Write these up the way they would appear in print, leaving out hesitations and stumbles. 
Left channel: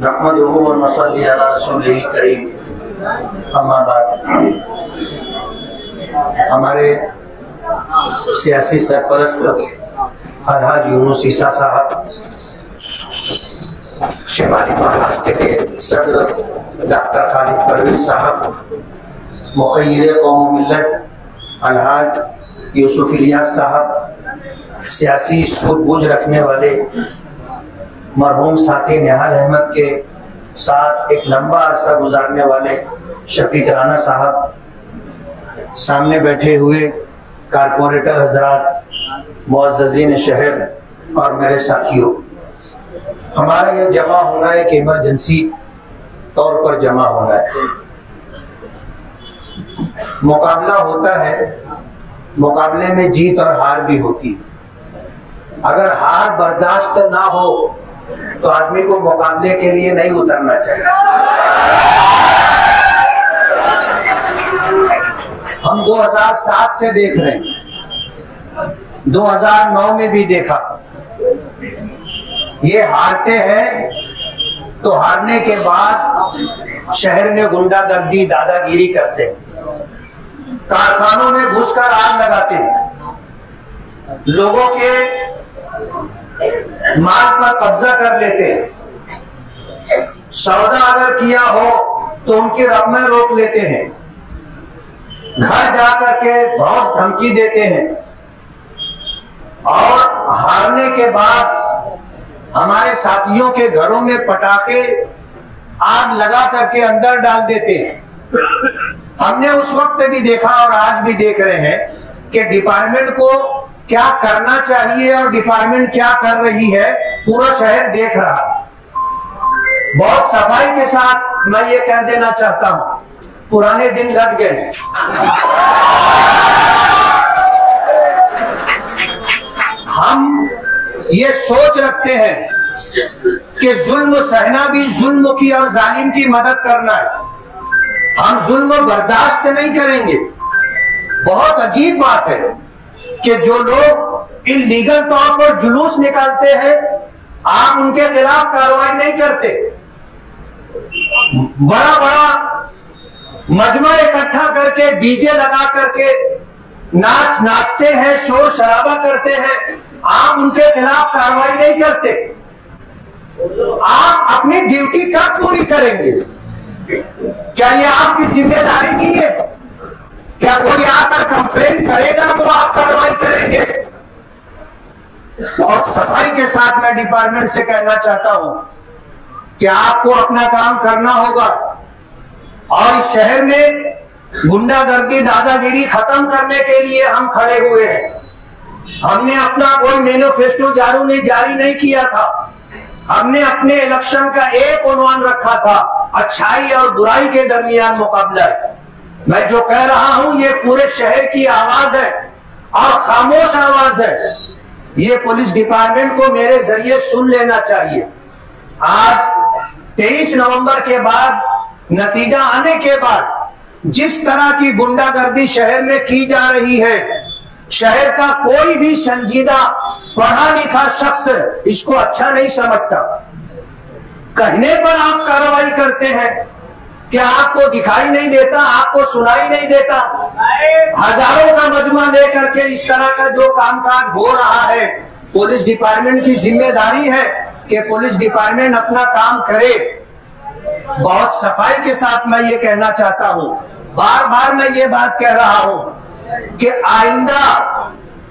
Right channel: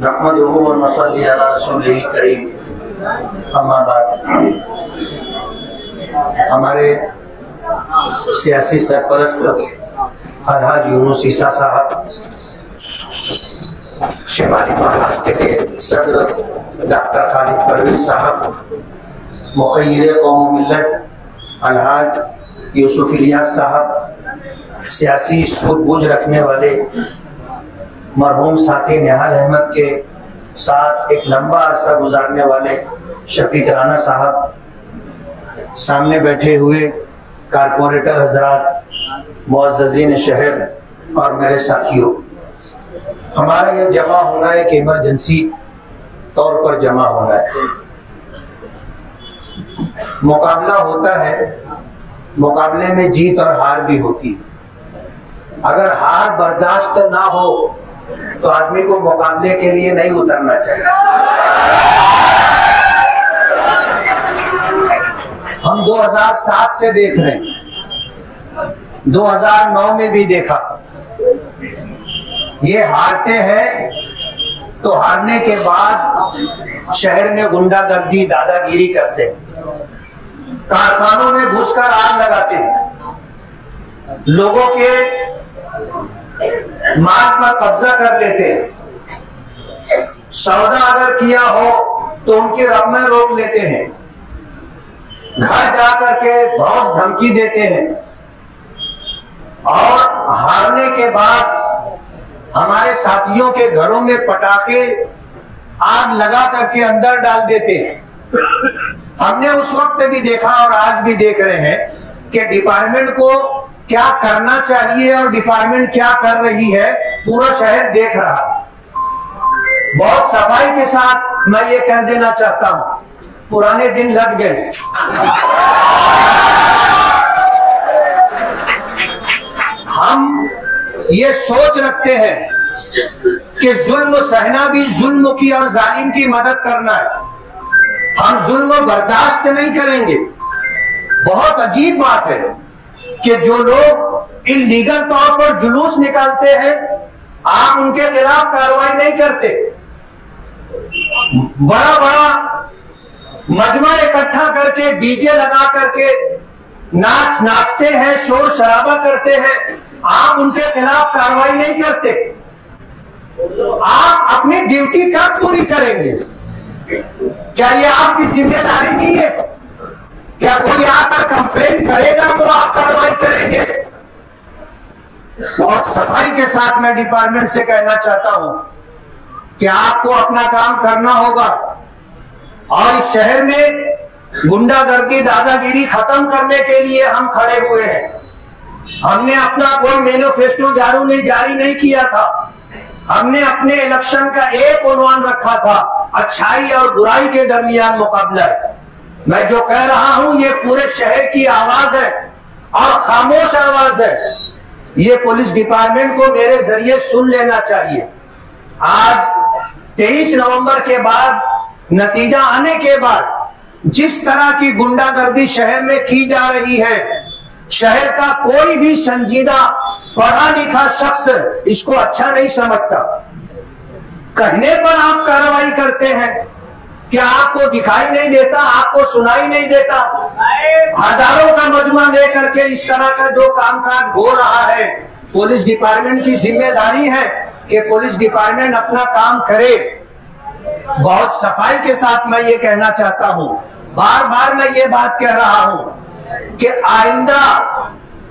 नहमदुहु व नसल्ली अला रसूलिल करीम। अम्मा बाद, हमारे सियासी सरपरस्त अलहाज यूनुस ईसा साहब, शिमाली महाराष्ट्र के सदर डॉक्टर खालिद परवेज साहब, मुखय्यिर कौम मिल्लत अलहाज यूसुफ इलियास साहब, सियासी सूझबूझ रखने वाले मरहूम साथी निहाल अहमद के साथ एक लंबा अरसा गुजारने वाले शफीक राना साहब, सामने बैठे हुए कारपोरेटर हजरात, मुअज़्ज़ज़ीन शहर और मेरे साथियों, हमारा यह जमा होना एक इमरजेंसी तौर पर जमा होना है। मुकाबला होता है, मुकाबले में जीत और हार भी होती है। अगर हार बर्दाश्त ना हो तो आदमी को मुकाबले के लिए नहीं उतरना चाहिए। हम 2007 से देख रहे हैं, 2009 में भी देखा। ये हारते हैं तो हारने के बाद शहर में गुंडागर्दी, दादागिरी करते हैं, कारखानों में घुसकर आग लगाते हैं, लोगों के माल पर कब्जा कर लेते हैं, सौदा अगर किया हो तो उनकी रकमें रोक लेते हैं, घर जाकर के धौंस धमकी देते हैं और हारने के बाद हमारे साथियों के घरों में पटाखे आग लगा करके अंदर डाल देते हैं। हमने उस वक्त भी देखा और आज भी देख रहे हैं कि डिपार्टमेंट को क्या करना चाहिए और डिपार्टमेंट क्या कर रही है, पूरा शहर देख रहा है। बहुत सफाई के साथ मैं ये कह देना चाहता हूं, पुराने दिन लग गए। हम ये सोच रखते हैं कि जुल्म सहना भी जुल्म की और जालिम की मदद करना है। हम जुल्म बर्दाश्त नहीं करेंगे। बहुत अजीब बात है कि जो लोग इल्लीगल तौर पर जुलूस निकालते हैं, आप उनके खिलाफ कार्रवाई नहीं करते। बड़ा बड़ा मजमा इकट्ठा करके डीजे लगा करके नाचते हैं, शोर शराबा करते हैं, आप उनके खिलाफ कार्रवाई नहीं करते। आप अपनी ड्यूटी कब पूरी करेंगे? क्या ये आपकी जिम्मेदारी नहीं है? क्या कोई आकर कंप्लेन करेगा तो आप कार्रवाई करेंगे? और सफाई के साथ मैं डिपार्टमेंट से कहना चाहता हूं कि आपको अपना काम करना होगा और इस शहर में गुंडागर्दी, दादागिरी खत्म करने के लिए हम खड़े हुए हैं। हमने अपना कोई मैनिफेस्टो जारी नहीं किया था। हमने अपने इलेक्शन का एक उन्वान रखा था, अच्छाई और बुराई के दरमियान मुकाबला है। मैं जो कह रहा हूं ये पूरे शहर की आवाज है और खामोश आवाज है। ये पुलिस डिपार्टमेंट को मेरे जरिए सुन लेना चाहिए। आज 23 नवंबर के बाद, नतीजा आने के बाद जिस तरह की गुंडागर्दी शहर में की जा रही है, शहर का कोई भी संजीदा पढ़ा लिखा शख्स इसको अच्छा नहीं समझता। कहने पर आप कार्रवाई करते हैं, क्या आपको दिखाई नहीं देता, आपको सुनाई नहीं देता? हजारों का मजमा लेकर के इस तरह का जो कामकाज हो रहा है, पुलिस डिपार्टमेंट की जिम्मेदारी है कि पुलिस डिपार्टमेंट अपना काम करे। बहुत सफाई के साथ मैं ये कहना चाहता हूं, बार बार मैं ये बात कह रहा हूं कि आइंदा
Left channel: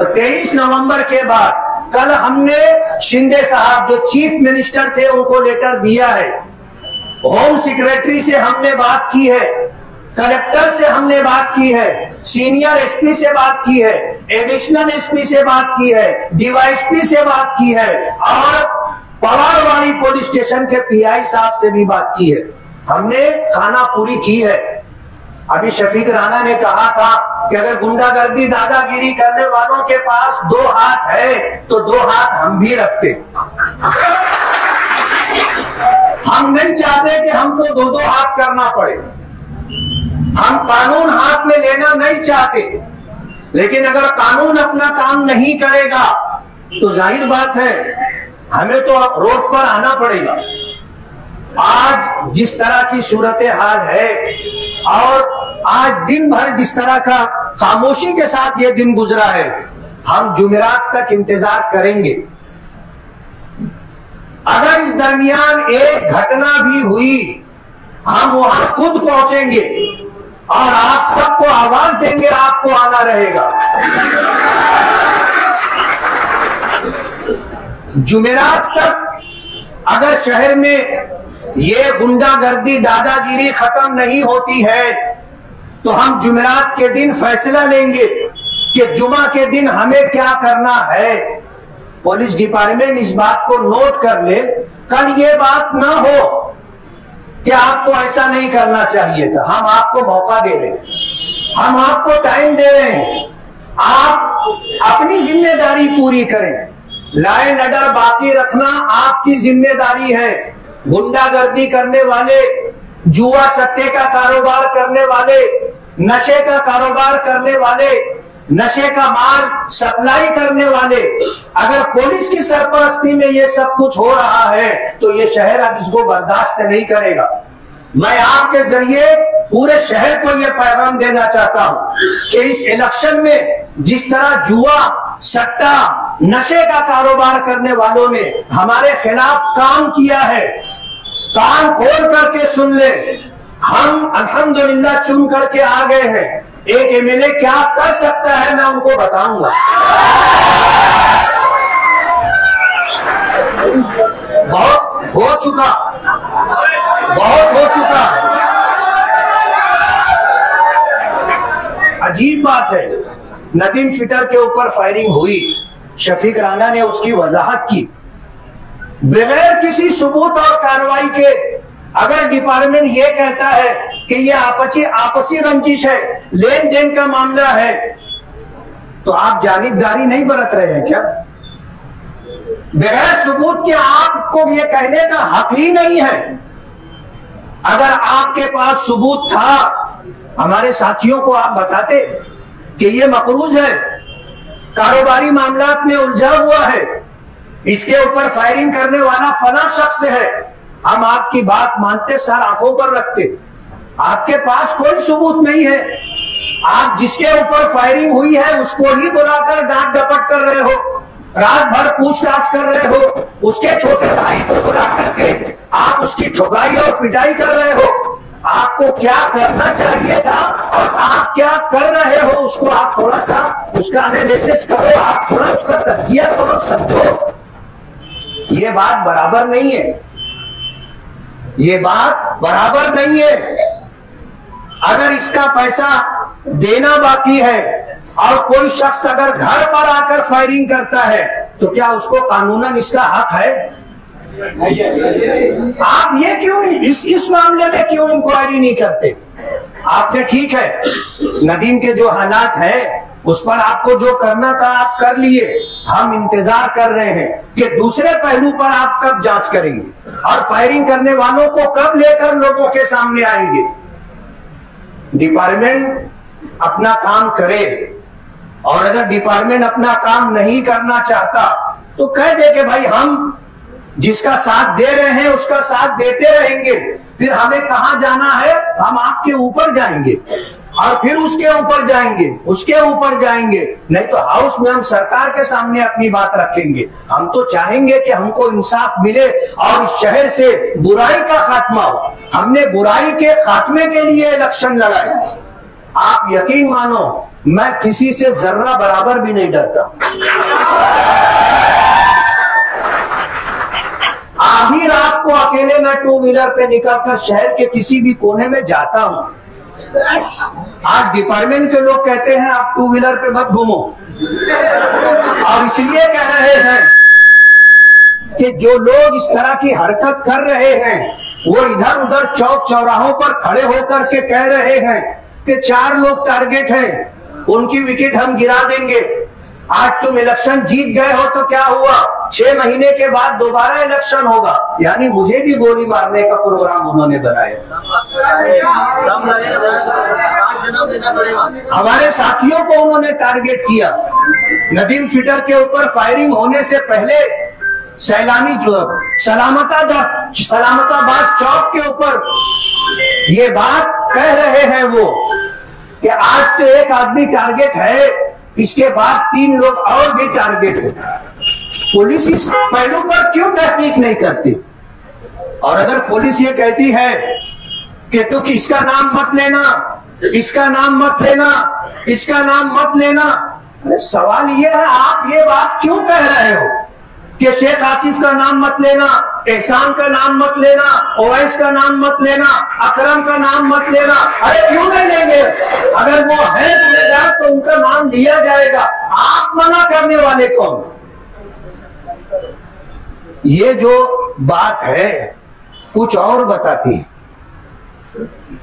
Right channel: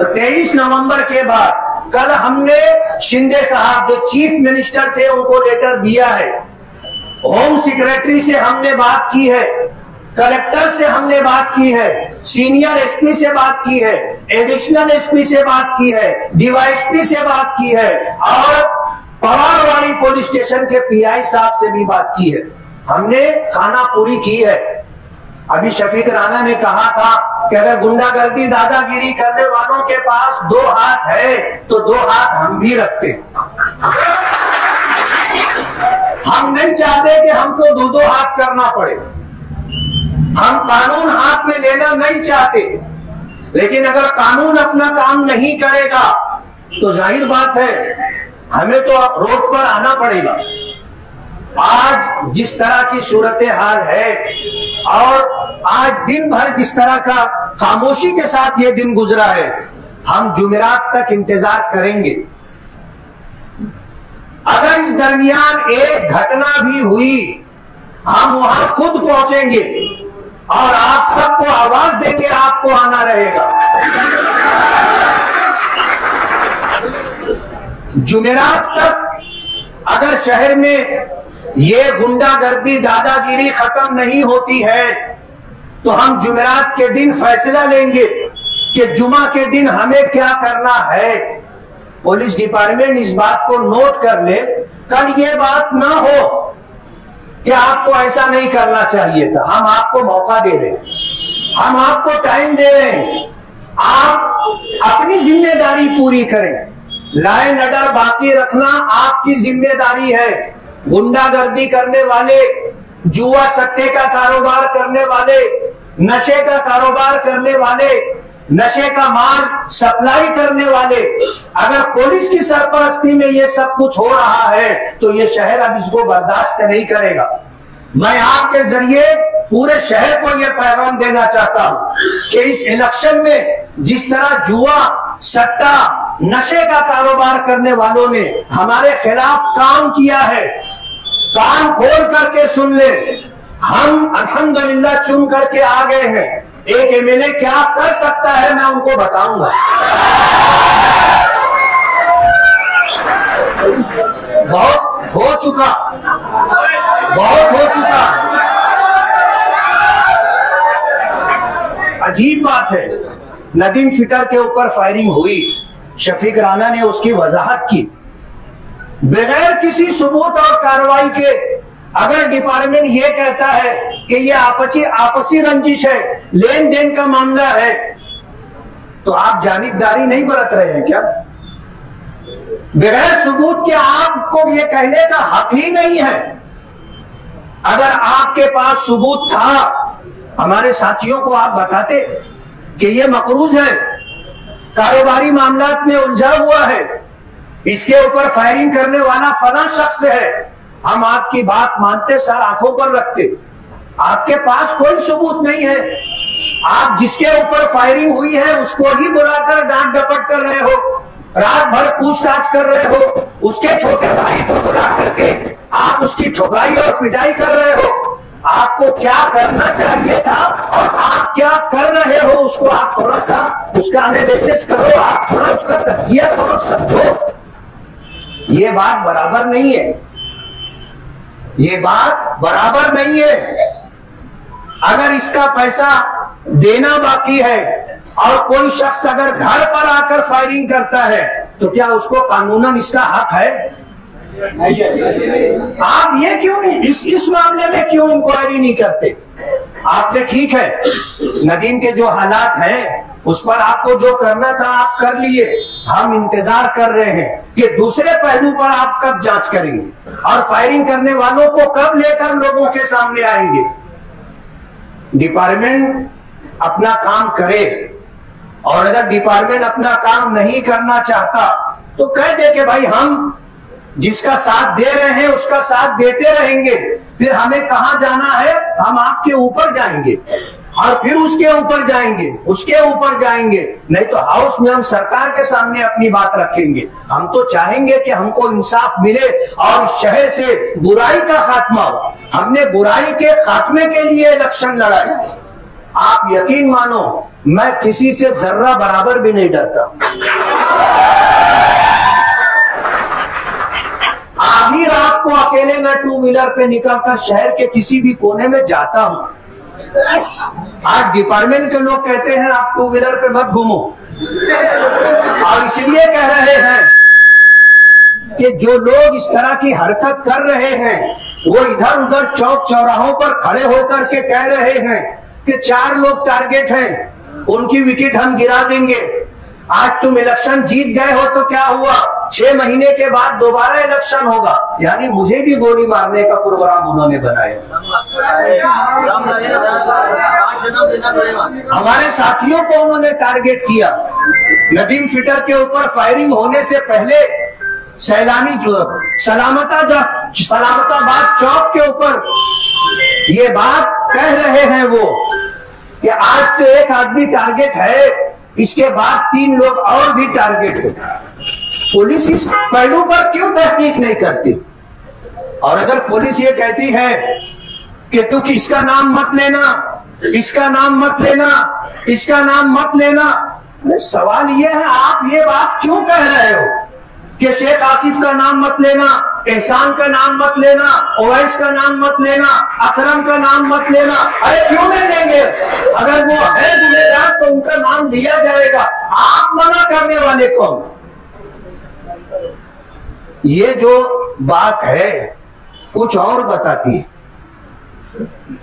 23 नवंबर के बाद, कल हमने शिंदे साहब जो चीफ मिनिस्टर थे उनको लेटर दिया है, होम सेक्रेटरी से हमने बात की है, कलेक्टर से हमने बात की है, सीनियर एसपी से बात की है, एडिशनल एसपी से बात की है, डीवाईएसपी से बात की है और पवारवाड़ी पुलिस स्टेशन के पीआई साहब से भी बात की है। हमने खाना पूरी की है। अभी शफीक राना ने कहा था कि अगर गुंडागर्दी, दादागिरी करने वालों के पास 2 हाथ है तो 2 हाथ हम भी रखते। हम नहीं चाहते कि हमको 2-2 हाथ करना पड़े। हम कानून हाथ में लेना नहीं चाहते, लेकिन अगर कानून अपना काम नहीं करेगा तो जाहिर बात है हमें तो रोड पर आना पड़ेगा जिस तरह की सूरत हाल है और आज दिन भर जिस तरह का खामोशी के साथ ये दिन गुजरा है, हम जुमेरात तक इंतजार करेंगे। अगर इस दरमियान एक घटना भी हुई, हम वहां खुद पहुंचेंगे और आप सबको आवाज देंगे, आपको आना रहेगा। जुमेरात तक अगर शहर में ये गुंडागर्दी, दादागिरी खत्म नहीं होती है तो हम जुमेरात के दिन फैसला लेंगे कि जुमा के दिन हमें क्या करना है। पुलिस डिपार्टमेंट इस बात को नोट कर ले, कल ये बात ना हो कि आपको ऐसा नहीं करना चाहिए था। हम आपको मौका दे रहे हैं, हम आपको टाइम दे रहे हैं, आप अपनी जिम्मेदारी पूरी करें। लाइन ऑर्डर बाकी रखना आपकी जिम्मेदारी है। गुंडागर्दी करने वाले, जुआ सट्टे का कारोबार करने वाले, नशे का कारोबार करने वाले, नशे का माल सप्लाई करने वाले, अगर पुलिस की सरपरस्ती में ये सब कुछ हो रहा है तो ये शहर अब इसको बर्दाश्त नहीं करेगा। मैं आपके जरिए पूरे शहर को यह पैगाम देना चाहता हूं कि इस इलेक्शन में जिस तरह जुआ, सट्टा, नशे का कारोबार करने वालों ने हमारे खिलाफ काम किया है, कान खोल करके सुन ले। हम अल्हम्दुलिल्लाह चुन करके आ गए हैं। एक एमएलए क्या कर सकता है मैं उनको बताऊंगा। बहुत हो चुका, बहुत हो चुका। अजीब बात है, नदीम फिटर के ऊपर फायरिंग हुई, शफीक राणा ने उसकी वजाहत की बगैर किसी सबूत और कार्रवाई के। अगर डिपार्टमेंट ये कहता है कि ये आपसी रंजिश है, लेन देन का मामला है, तो आप जानिबदारी नहीं बरत रहे हैं क्या? बगैर सबूत के आपको ये कहने का हक ही नहीं है। अगर आपके पास सबूत था, हमारे साथियों को आप बताते कि ये मकरूज है, कारोबारी मामलात में उलझा हुआ है, इसके ऊपर फायरिंग करने वाला फला शख्स है, हम आपकी बात मानते, सर आंखों पर रखते। आपके पास कोई सबूत नहीं है, आप जिसके ऊपर फायरिंग हुई है उसको ही बुलाकर डांट डपट कर रहे हो, रात भर पूछताछ कर रहे हो, उसके छोटे भाई को बुला करके आप उसकी ठुकाई और पिटाई कर रहे हो। आपको क्या करना चाहिए था और आप क्या कर रहे हो उसको आप थोड़ा सा उसका एनालिसिस करो, आप थोड़ा उसका तज्जिया करो, समझो। ये बात बराबर नहीं है, ये बात बराबर नहीं है। अगर इसका पैसा देना बाकी है और कोई शख्स अगर घर पर आकर फायरिंग करता है तो क्या उसको कानूनन इसका हक है? आप ये क्यों नहीं इस मामले में क्यों इंक्वायरी नहीं करते? आपने ठीक है, नदीम के जो हालात हैं उस पर आपको जो करना था आप कर लिए। हम इंतजार कर रहे हैं कि दूसरे पहलू पर आप कब जांच करेंगे और फायरिंग करने वालों को कब लेकर लोगों के सामने आएंगे। डिपार्टमेंट अपना काम करे, और अगर डिपार्टमेंट अपना काम नहीं करना चाहता तो कह दे कि भाई हम जिसका साथ दे रहे हैं उसका साथ देते रहेंगे, फिर हमें कहां जाना है, हम आपके ऊपर जाएंगे और फिर उसके ऊपर जाएंगे, उसके ऊपर जाएंगे, नहीं तो हाउस में हम सरकार के सामने अपनी बात रखेंगे। हम तो चाहेंगे कि हमको इंसाफ मिले और शहर से बुराई का खात्मा हो। हमने बुराई के खात्मे के लिए इलेक्शन लड़ाई। आप यकीन मानो मैं किसी से जर्रा बराबर भी नहीं डरता। आधी रात को अकेले मैं टू व्हीलर पे निकलकर शहर के किसी भी कोने में जाता हूं। आज डिपार्टमेंट के लोग कहते हैं आप टू व्हीलर पे मत घूमो, और इसलिए कह रहे हैं कि जो लोग इस तरह की हरकत कर रहे हैं वो इधर उधर चौक चौराहों पर खड़े होकर के कह रहे हैं कि 4 लोग टारगेट हैं, उनकी विकेट हम गिरा देंगे। आज तुम इलेक्शन जीत गए हो तो क्या हुआ, 6 महीने के बाद दोबारा इलेक्शन होगा, यानी मुझे भी गोली मारने का प्रोग्राम उन्होंने बनाया। हमारे साथियों को उन्होंने टारगेट किया। नदीम फिटर के ऊपर फायरिंग होने से पहले सैलानी सलामताबाद चौक के ऊपर ये बात कह रहे हैं वो कि आज तो एक आदमी टारगेट है, इसके बाद 3 लोग और भी टारगेट है। पुलिस इस पहलू पर क्यों तहकीक नहीं करती? और अगर पुलिस ये कहती है कि तू इसका नाम मत लेना, इसका नाम मत लेना, इसका नाम मत लेना, सवाल ये है आप ये बात क्यों कह रहे हो कि शेख आसिफ का नाम मत लेना, एहसान का नाम मत लेना, ओवैस का नाम मत लेना, अकरम का नाम मत लेना? अरे क्यों नहीं लेंगे? अगर वो है गुनहगार तो उनका नाम लिया जाएगा। आप मना करने वाले कौन? ये जो बात है कुछ और बताती है,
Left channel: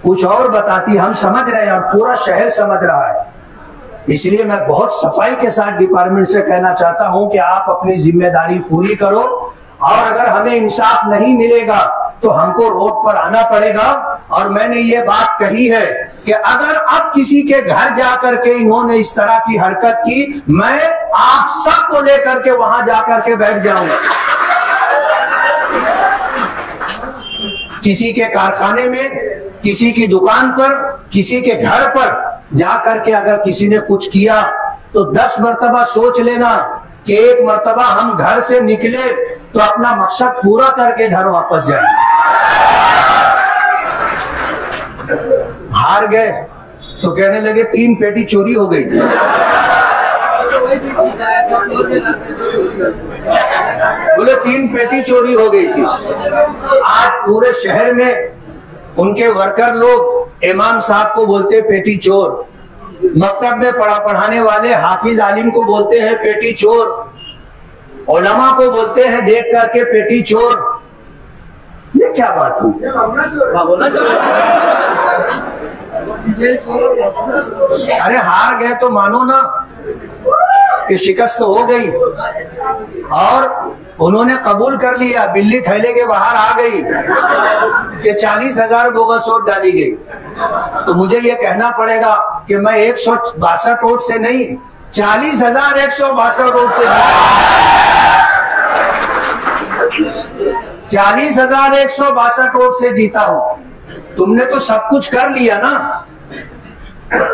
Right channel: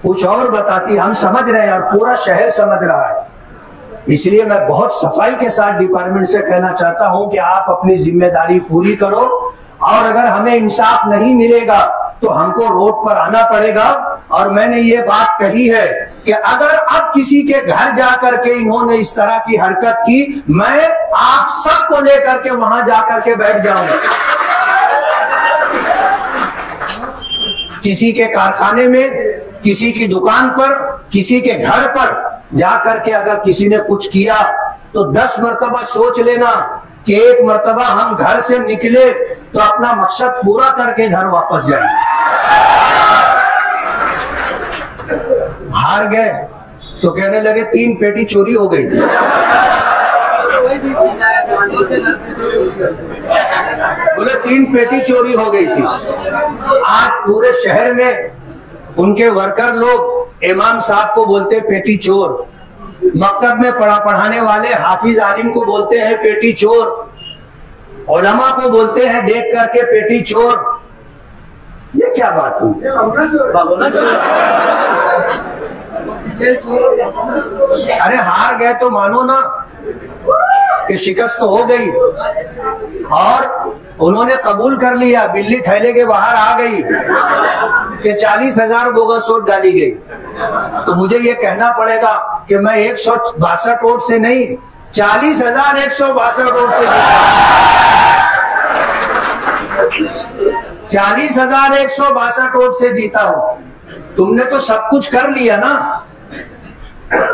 कुछ और बताती, हम समझ रहे हैं और पूरा शहर समझ रहा है। इसलिए मैं बहुत सफाई के साथ डिपार्टमेंट से कहना चाहता हूं कि आप अपनी जिम्मेदारी पूरी करो, और अगर हमें इंसाफ नहीं मिलेगा तो हमको रोड पर आना पड़ेगा। और मैंने ये बात कही है कि अगर अब किसी के घर जाकर के इन्होंने इस तरह की हरकत की, मैं आप सबको लेकर के वहां जाकर के बैठ जाऊंगा। किसी के कारखाने में, किसी की दुकान पर, किसी के घर पर जाकर के अगर किसी ने कुछ किया तो 10 मर्तबा सोच लेना कि एक मर्तबा हम घर से निकले तो अपना मकसद पूरा करके घर वापस जाए। हार गए तो कहने लगे 3 पेटी चोरी हो गई थी। बोले 3 पेटी चोरी हो गई थी। आज पूरे शहर में उनके वर्कर लोग इमाम साहब को बोलते हैं पेटी चोर, मकतब में पढ़ाने वाले हाफिज आलिम को बोलते हैं पेटी चोर, उलमा को बोलते हैं देख करके पेटी चोर। ये क्या बात हुई? अरे हार गए तो मानो ना कि शिकस्त तो हो गई, और उन्होंने कबूल कर लिया, बिल्ली थैले के बाहर आ गई कि 40,000 बोगस वोट डाली गई। तो मुझे ये कहना पड़ेगा कि मैं 162 वोट से नहीं, 40,162 वोट से, 40,162 वोट से जीता हूं। तुमने तो सब कुछ कर लिया ना।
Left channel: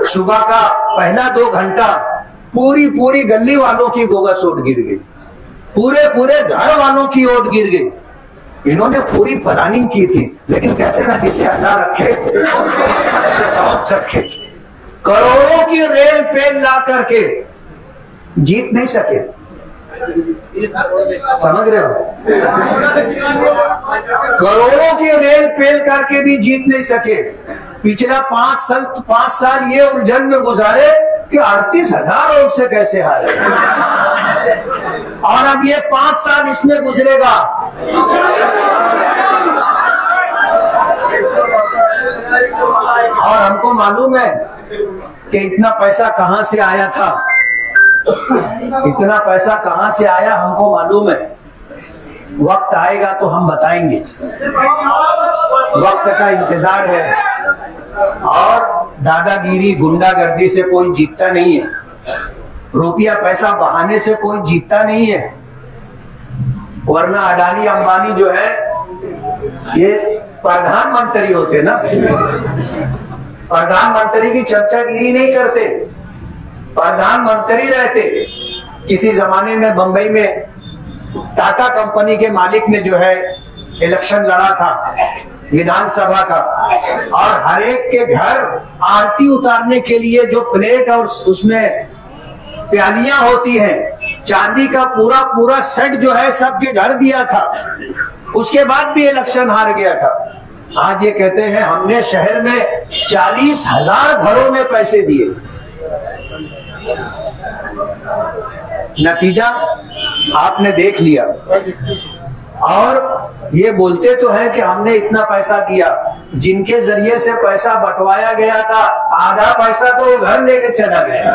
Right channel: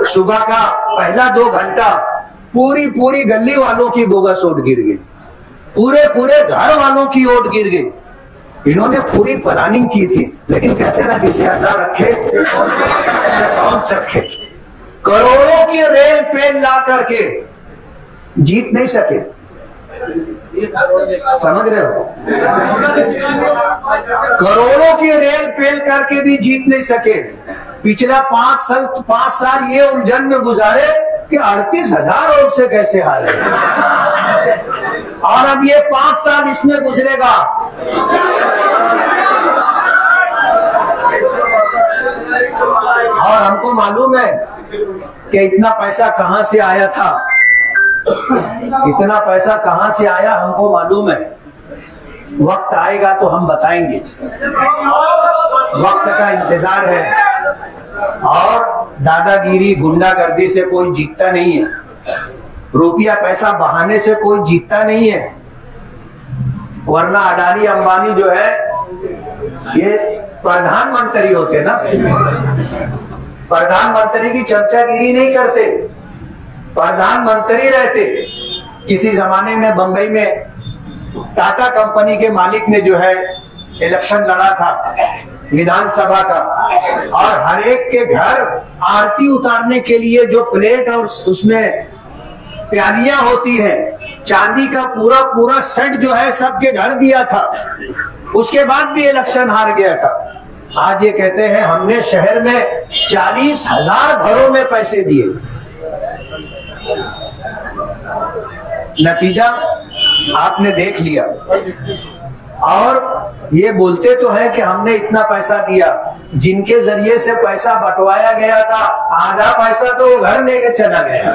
सुबह का पहला 2 घंटा पूरी गली वालों की बोगस वोट गिर गई, पूरे घर वालों की वोट गिर गई। इन्होंने पूरी प्लानिंग की थी, लेकिन कहते हैं ना जिसे अल्लाह रखे कौन रखे। करोड़ों की रेल पेल ला करके जीत नहीं सके। समझ रहे हो? करोड़ों की रेल पेल करके भी जीत नहीं सके। पिछला 5 साल ये उलझन में गुजारे कि 38,000 वोट से कैसे हारे, और अब ये 5 साल इसमें गुजरेगा। और हमको मालूम है कि इतना पैसा कहां से आया था, इतना पैसा कहां से आया हमको मालूम है। वक्त आएगा तो हम बताएंगे, वक्त का इंतजार है। और दादागिरी गुंडागर्दी से कोई जीतता नहीं है, रुपया पैसा बहाने से कोई जीतता नहीं है। वरना अडानी अंबानी जो है ये प्रधानमंत्री होते ना, प्रधानमंत्री की चर्चागिरी नहीं करते, प्रधानमंत्री रहते। किसी जमाने में बंबई में टाटा कंपनी के मालिक ने जो है इलेक्शन लड़ा था विधानसभा का, और हर एक के घर आरती उतारने के लिए जो प्लेट और उसमें प्यालियां होती हैं, चांदी का पूरा सेट जो है सबके घर दिया था। उसके बाद भी इलेक्शन हार गया था। आज ये कहते हैं हमने शहर में 40,000 घरों में पैसे दिए। नतीजा आपने देख लिया। और ये बोलते तो है कि हमने इतना पैसा दिया, जिनके जरिए से पैसा बंटवाया गया था आधा पैसा तो वो घर लेके चला गया,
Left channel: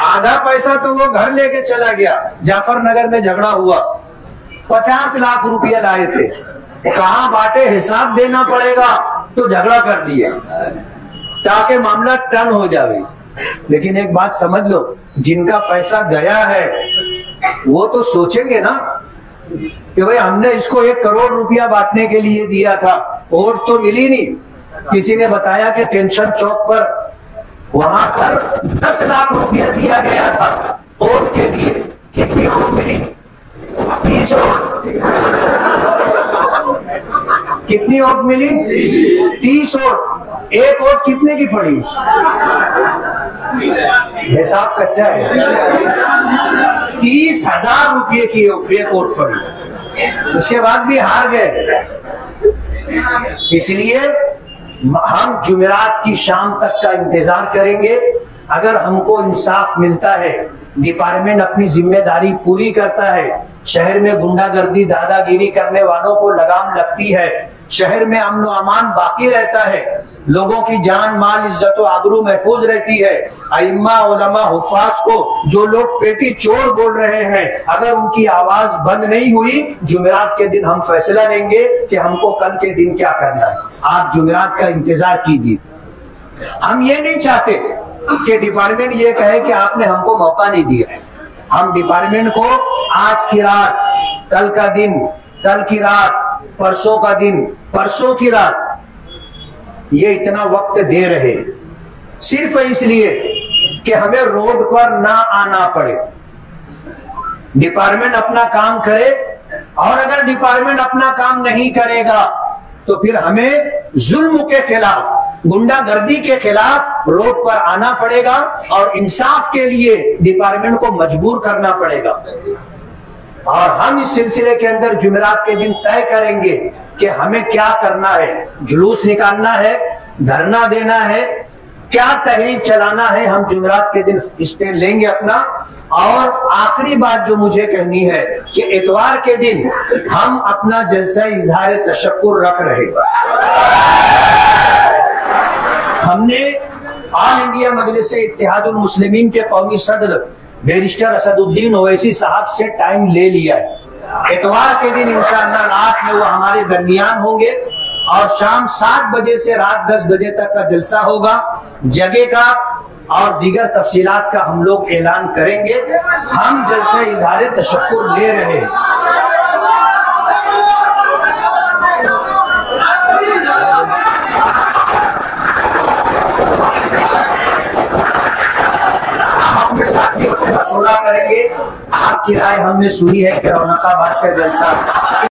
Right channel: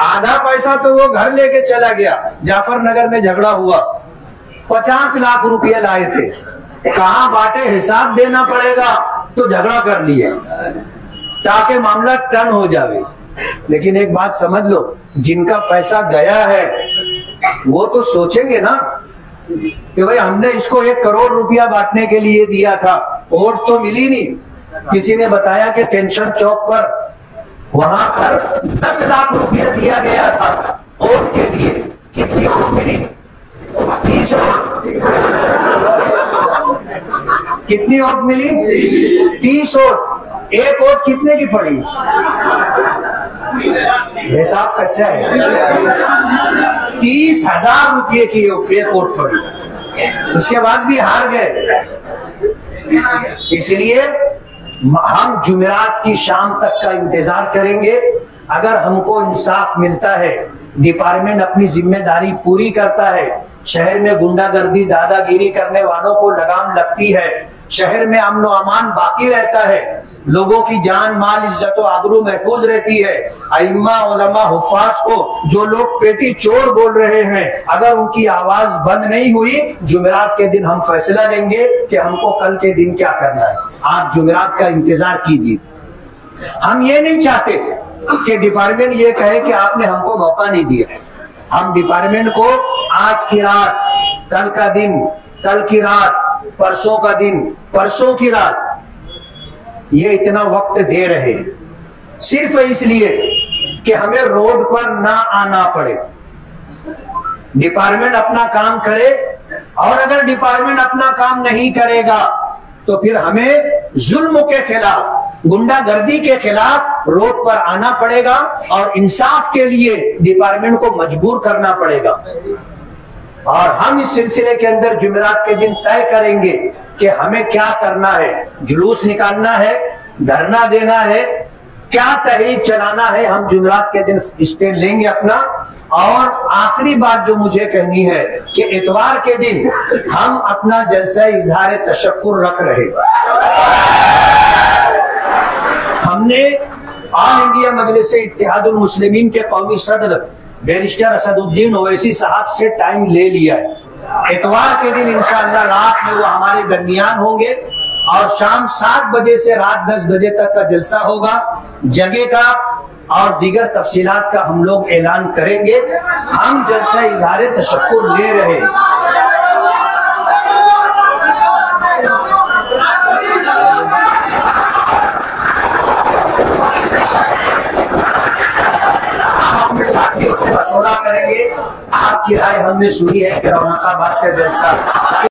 आधा पैसा तो वो घर लेके चला गया। जाफरनगर में झगड़ा हुआ, 50 लाख रुपया लाए थे, कहाँ बांटे हिसाब देना पड़ेगा तो झगड़ा कर लिया ताकि मामला टर्न हो जाए। लेकिन एक बात समझ लो, जिनका पैसा गया है वो तो सोचेंगे ना कि भाई हमने इसको 1 करोड़ रुपया बांटने के लिए दिया था, वोट तो मिली नहीं। किसी ने बताया कि टेंशन चौक पर वहां पर 10 लाख रुपया दिया गया था वोट के लिए। कितनी वोट मिली? 30 वोट। कितनी वोट मिली? 30 वोट। 1 वोट कितने की पड़ी? हिसाब कच्चा है। 30,000 रुपये की 1 वोट पड़ी, उसके बाद भी हार गए। इसलिए हम जुमेरात की शाम तक का इंतजार करेंगे। अगर हमको इंसाफ मिलता है, डिपार्टमेंट अपनी जिम्मेदारी पूरी करता है, शहर में गुंडागर्दी दादागिरी करने वालों को लगाम लगती है, शहर में अमन व अमान बाकी रहता है, लोगों की जान माल इज्जत व आबरू महफूज रहती है, अइम्मा उलमा हुफ्फाज को जो लोग पेटी चोर बोल रहे हैं, अगर उनकी आवाज बंद नहीं हुई, जुमेरात के दिन हम फैसला लेंगे कि हमको कल के दिन क्या करना है। आप जुमेरात का इंतजार कीजिए। हम ये नहीं चाहते कि डिपार्टमेंट ये कहे कि आपने हमको मौका नहीं दिया है। हम डिपार्टमेंट को आज की रात, कल का दिन, कल की रात, परसों का दिन, परसों की रात, ये इतना वक्त दे रहे सिर्फ इसलिए कि हमें रोड पर ना आना पड़े। डिपार्टमेंट अपना काम करे, और अगर डिपार्टमेंट अपना काम नहीं करेगा तो फिर हमें जुल्म के खिलाफ, गुंडागर्दी के खिलाफ रोड पर आना पड़ेगा और इंसाफ के लिए डिपार्टमेंट को मजबूर करना पड़ेगा। और हम इस सिलसिले के अंदर जुमेरात के दिन तय करेंगे कि हमें क्या करना है। जुलूस निकालना है, धरना देना है, क्या तहरीक चलाना है, हम जुमेरात के दिन स्टैंड लेंगे अपना। और आखिरी बात जो मुझे कहनी है कि इतवार के दिन हम अपना जलसा इजहार तशक्कुर रख रहे। हमने ऑल इंडिया मजलिस इत्तेहादुल मुस्लिमीन के कौमी सदर बैरिस्टर असदुद्दीन ओवैसी साहब से टाइम ले लिया है। इतवार के दिन इंशाअल्लाह रात में वो हमारे दरमियान होंगे और शाम 7 बजे से रात 10 बजे तक का जलसा होगा। जगह का और दीगर तफसीलात का हम लोग ऐलान करेंगे। हम जलसा इजहार तशक्कुर ले रहे हैं। साथियों से मशवरा करेंगे। आपकी राय हमने सुनी है कि औरंगाबाद का जलसा